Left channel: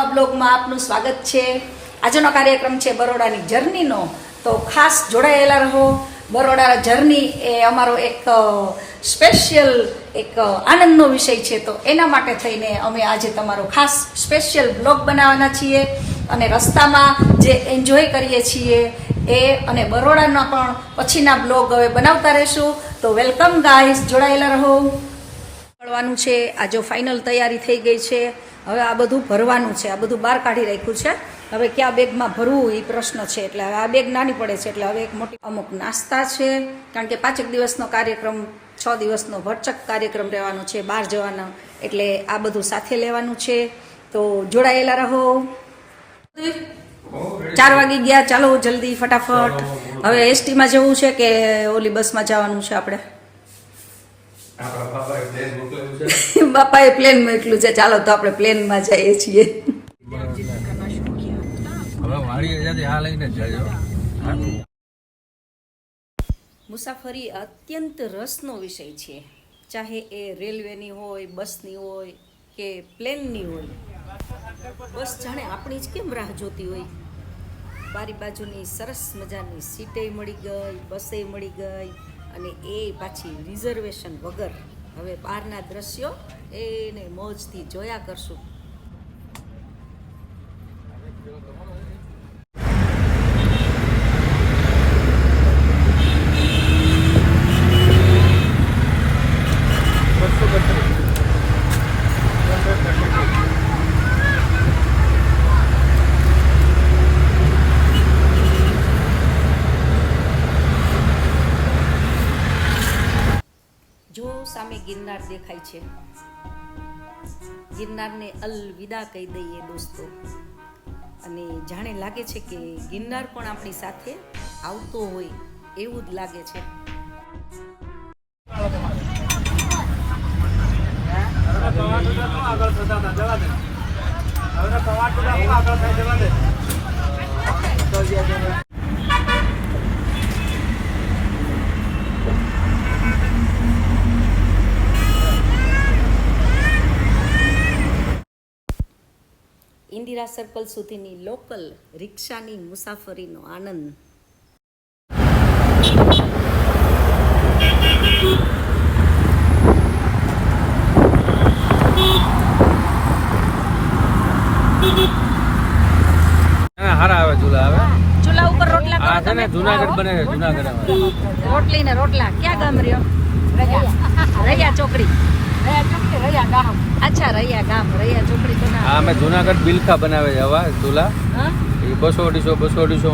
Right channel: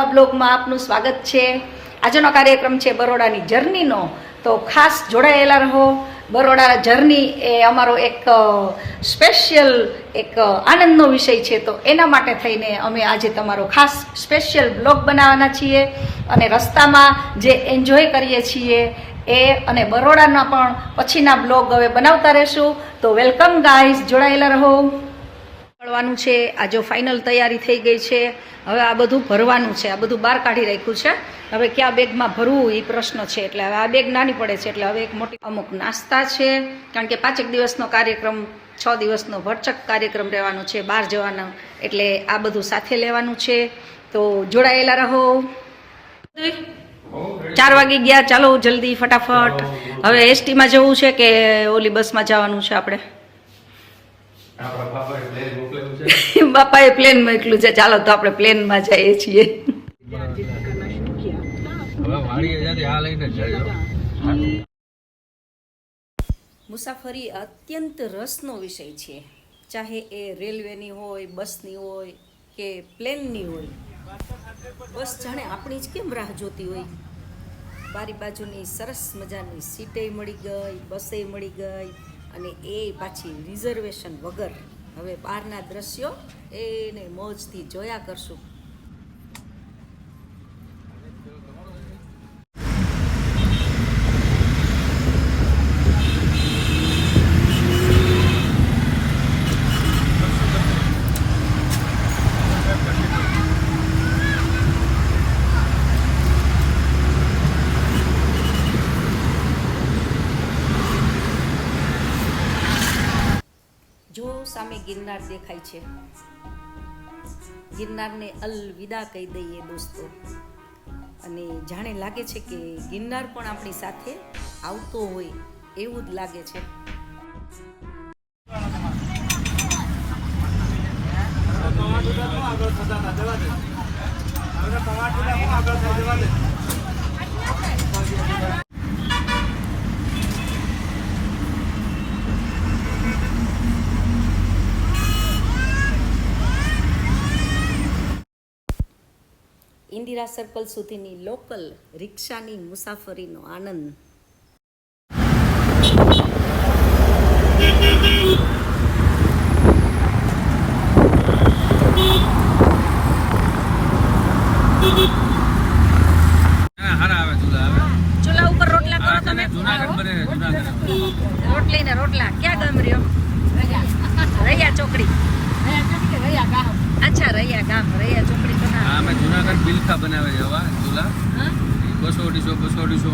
નવા બ્લોગમાં આપનું સ્વાગત છે। આજનો કાર્યક્રમ છે બરોડાની જર્નીનો, તો ખાસ જોડાયેલા રહો। બરોડા જર્ની એ અમારો એક સ્પેશિયલ એક આનંદનો વિષય છે, તો એના માટે થઈને અમે આજે તમારો ખાસ સ્પેશિયલ બ્લોગ બનાવવાના છીએ અને રસ્તામાં જે એન્જોય કરીએ છીએ એ અને બરોડાના પણ પછીના બ્લોગ હવે બનાવતા રહેશું। તો વેલકમ ગાઈઝ, જોડાયેલા રહો। મળવાનું છે આ જો ફાઇનલ તૈયારી થઈ ગઈ છે। હવે આ બધું ભરવાનું છે, આ બધું બહાર કાઢી રાખ્યું છે। હવે ક્યાં બેગમાં ભરવું એ પ્રશ્ન છે, એટલે હવે આ બેગ નાની પડે છે, એટલે હવે એક મોટી અમુક નાસ્તા છે, કારણ કે 5 દિવસનો કાર્યક્રમ, 6 દિવસનો ભરચક કાર્યક્રમ રહેવાનો છે, બહાર જવાનો, એટલે આ બધું સાથે લેવાનું છે। તો જોડાયેલા રહો। 4 વાગી ગયા, ચાલો જલ્દી ફટાફટ। હવે એસટીમાં જવું છે કે ઓલી બસમાં જવાનું છે આપણે? બાપાએ પ્લેન મોકલ્યું છે, ચાલો તો આપણે પ્લેનમાં જઈએ છીએ। મુસાફરી અત્યંત રસનો વિષય છે, ચાહે એ રેલવેની હોય, બસની હોય કે પ્લેનની હોય। બસ જાણે આપણી જ કેમ રાહ જોતી હોય। બારી બાજુની સરસ મજાની સીટે મળી ગઈ, બસે મળી ગઈ, અને એ પાછી રિઝર્વેશન વગર। હવે બહારના દ્રશ્યો એને મોજથી જોયા કરશું। જો સામે ગિરનાર દેખાય છે, ગિરનારને અલવિદા કહી દઈએ દોસ્તો, અને જાણે લાગે છે કે ગિરનાર પણ આપણી સાથે આવતો હોય એવું જ લાગે છે। ઇન્દિરા સર્કલ સુધીની લોકલ રિક્ષાની મુસાફરીનો આનંદ। ચૂલા ઉપર રોટલા કરો તમે? જુનાગઢ બને છે, જુનાગઢ રોટલી ને રોટલા ક્યાં ગામ રહ્યો? રૈયા ચોકડી। અચ્છા, રૈયા ગામ, રૈયા ચોકડી તો ના। અમે જુનાગઢ બિલખા બનાવે છે હવા ચૂલા, એ 200-250 તો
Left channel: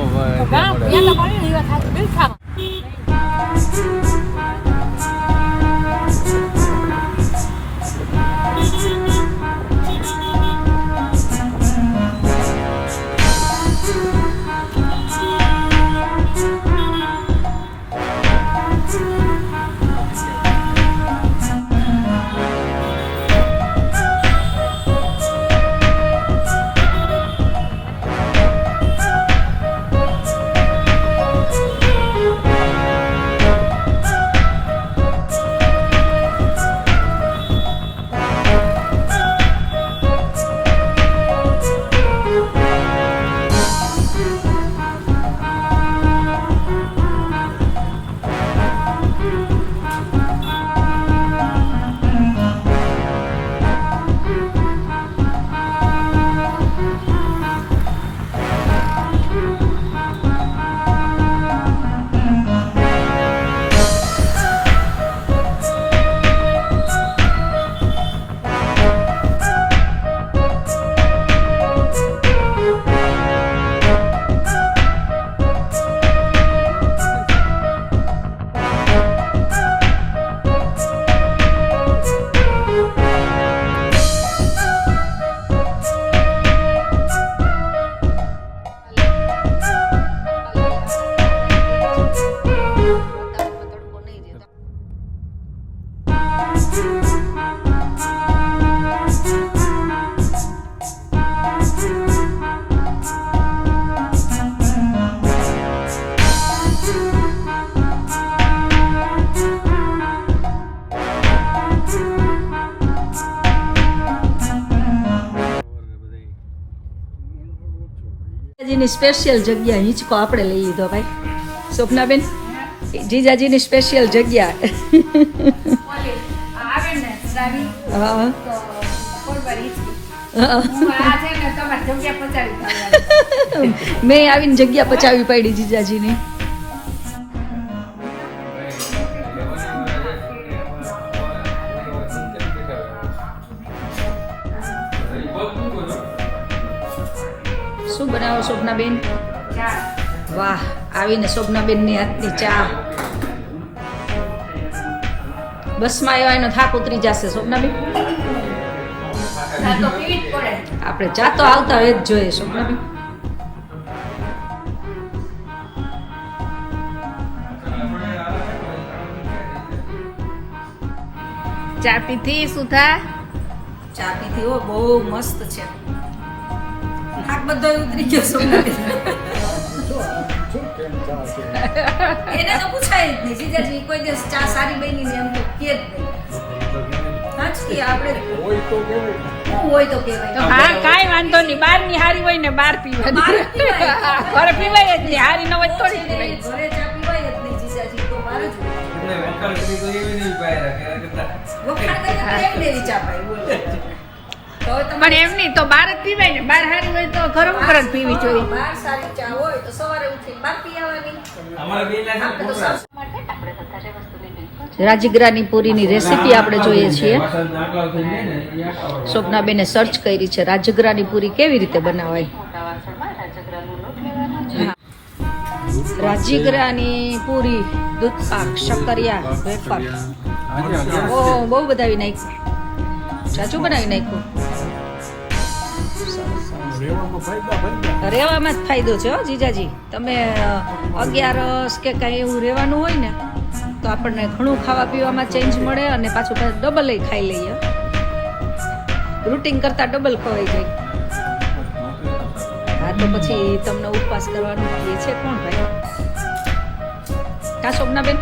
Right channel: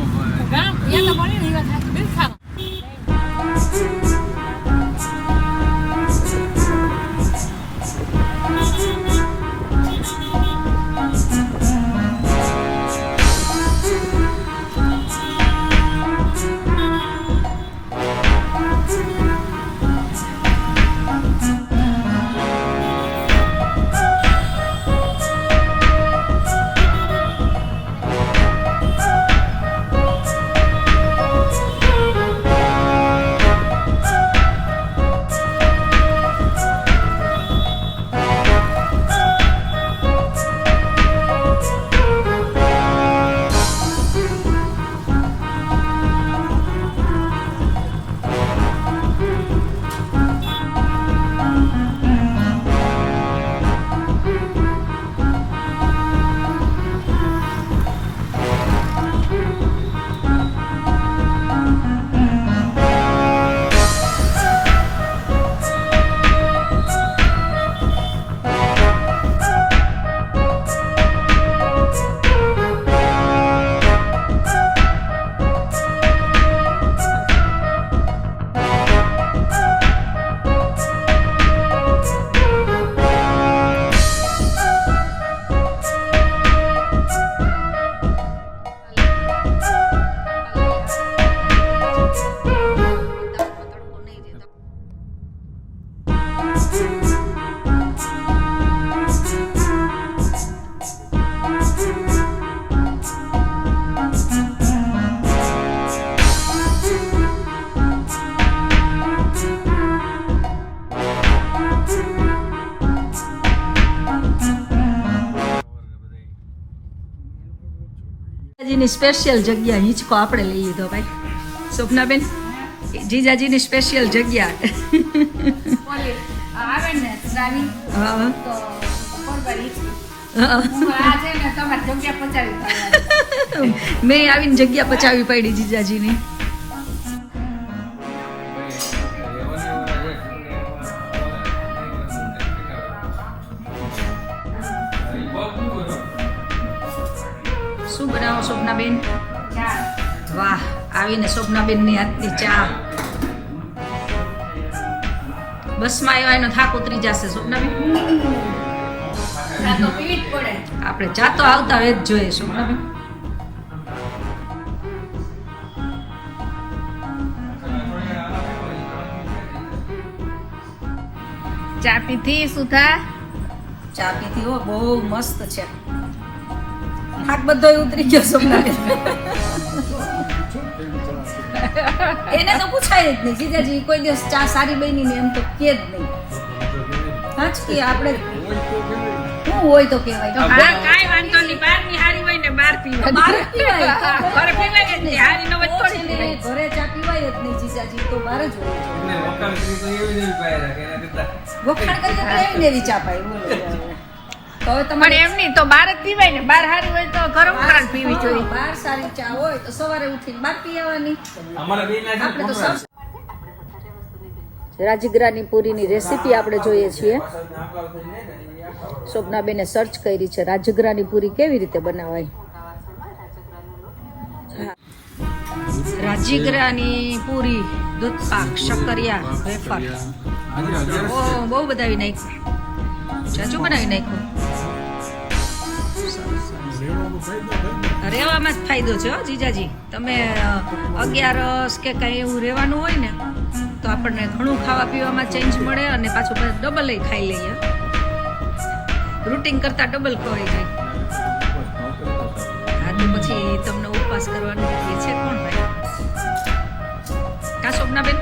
જીજાજીની સ્પેશિયલ જગ્યા હિંચકો આપણે લઈ લીધો ભાઈ. સ્વપ્નાબેન, જીજાજીની સ્પેશિયલ જગ્યા. આવે ને શ્રાવી હા તો કોલબારી હા. હું આ છે ને તમારી જગ્યા પચાવી પાડવાની. મેં આવીને જગ્યા પચાવી પાડી જીજાજીની. શું બનાવો શોભનાબેન? વાહ, આવીને શોભનાબેનની હાથની ચા. બસમાં આવ્યા એનો થાક ઉતરી જશે શોભનાબેન. આ તો પીવી જ પડે. આપણે ચા તો આવતા રહે જ જોઈએ શોભનાબેન. ચા પીધી સુધા? ચા પીધી હો, બહુ મસ્ત છે. થાક બધો ઉતરી ગયો શોભનાબેન. એને તો પૂછાય જ નહીં જીજાજી, કોઈ દિવસ ચા સારી બની ને એમ તો કે જ નહીં. હાચકી આપણે શું હોય તો કહેવાય. હા, કાંઈ વાંધો નહીં. બહારની હારી હોય ને બહાર પીવાની. બહાર પીવાય. ઘરે પીવાય જ નહીં. હારી ન હોય તો થોડી પીવાય. ઘરે ચા પીવાય જ નહીં જીજાજી, તો બહાર જ હોય. વખાણ કરી તો એમ ને ચા પાય બોલો. હવે પણ એમ નહીં તો બહાર જ પીવાય ને. બહાર હારી હોય તો ગરમ ગરમ પીવી જોઈએ. બહાર સારી ચા હોય તો સવારે ઉઠી બહાર પી આવવાની. રાજગરાની પૂરીની રેસીપી આપણે જોઈએ છીએ. સ્વપ્નાબેને સર્ચ કરી છે રાજગરાની પૂરી કેવી રીતે બનાવાય. રાજગરાની પૂરી, દૂધ પાક, શક્કરિયા, વેફર, બહુ બધા નાખ્યું. ચાચું બનાવી નાખ્યું. રહેવામાં જ ફાયદો છે હો જીજાજી. તમે 11 કે કઈ એવું રહેવાનું હોય ને તો આપણને ઘણું ખાવા પીવામાં ચેન્જ મળે અને પાછું ડબલ ખાઈ લઈએ. રૂટિન કરતા ડબલ ખવાઈ જાય. હા તો પછી તમને ઉપવાસ કરવાનું એ છે કોણ ભાઈ? હા શોભનાબેન,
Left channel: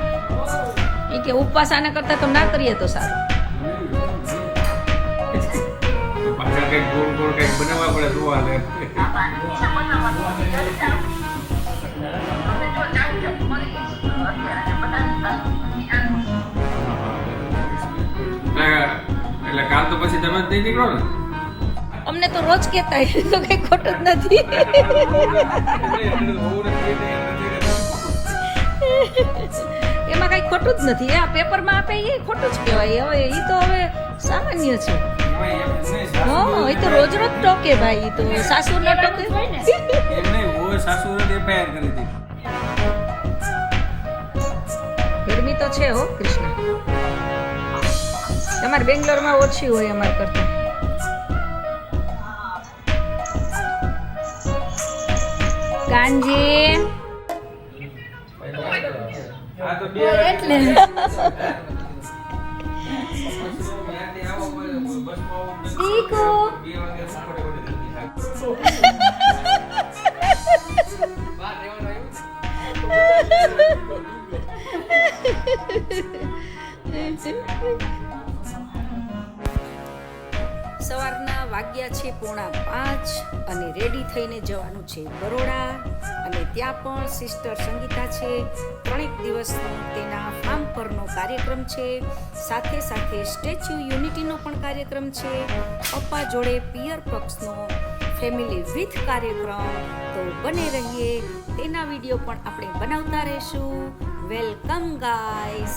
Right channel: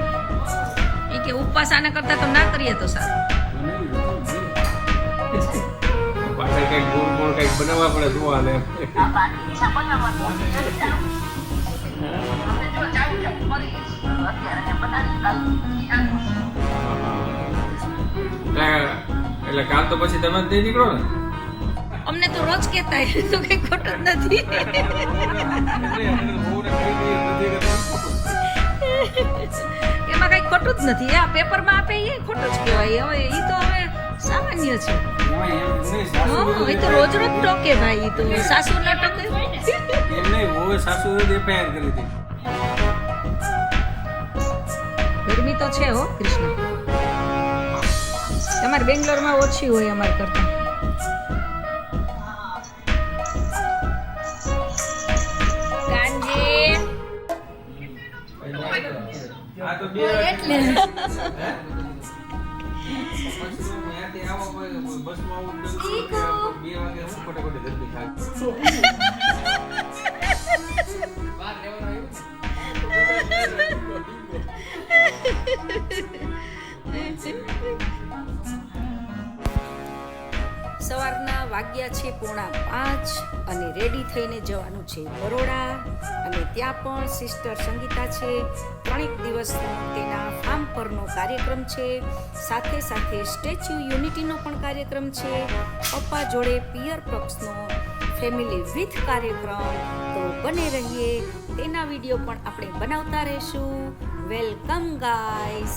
એ કે ઉપવાસ આના કરતા તો ના કરીએ તો સારું. પાછળ કઈક ગોળ ગોળ કઈક બનાવવા પડે જોવાને. એટલે કાલ તો પછી તમે જ નહીં નીકળો ને? અમને તો રોજ કહેતા હોય તો કઈ ખોટું જ નથી. એમાં કઈ ખોટું જ નથી. આ પેપરમાં આપે એ ખોટું જ કહેવાય. હવે એ તો હવે સામાન્ય છે. હા, એ તો રોજ રોજ ટોકે ભાઈ. તો સાસુ ન ટોકે. એમ નહીં, હું સાસુ એફઆઈઆર કરી હતી. ગરમી તો છે હો કૃષ્ણ. તમારે બેંગ્લોરમાં ઓછી હોય અમારે કરતા. કાંજી એટલે સવારના વાગ્યા છે 4:45 અને રેડી થઈને જવાનું છે બરોડા. અને ત્યાં પણ સિસ્ટર સંગીતા છે. 3 દિવસનો તેના ફાર્મ પરનો કાર્યક્રમ છે. સાથે સાથે સ્ટેચ્યુ યુનિટીનો પણ કાર્યક્રમ છે. પપ્પા જોડે પિયર પક્ષનો ફેમિલી વિથ કાર્યક્રમ. તો બને રહીએ, તેના વિડીયો પણ આપણે બનાવતા રહેશું. Welcome guys.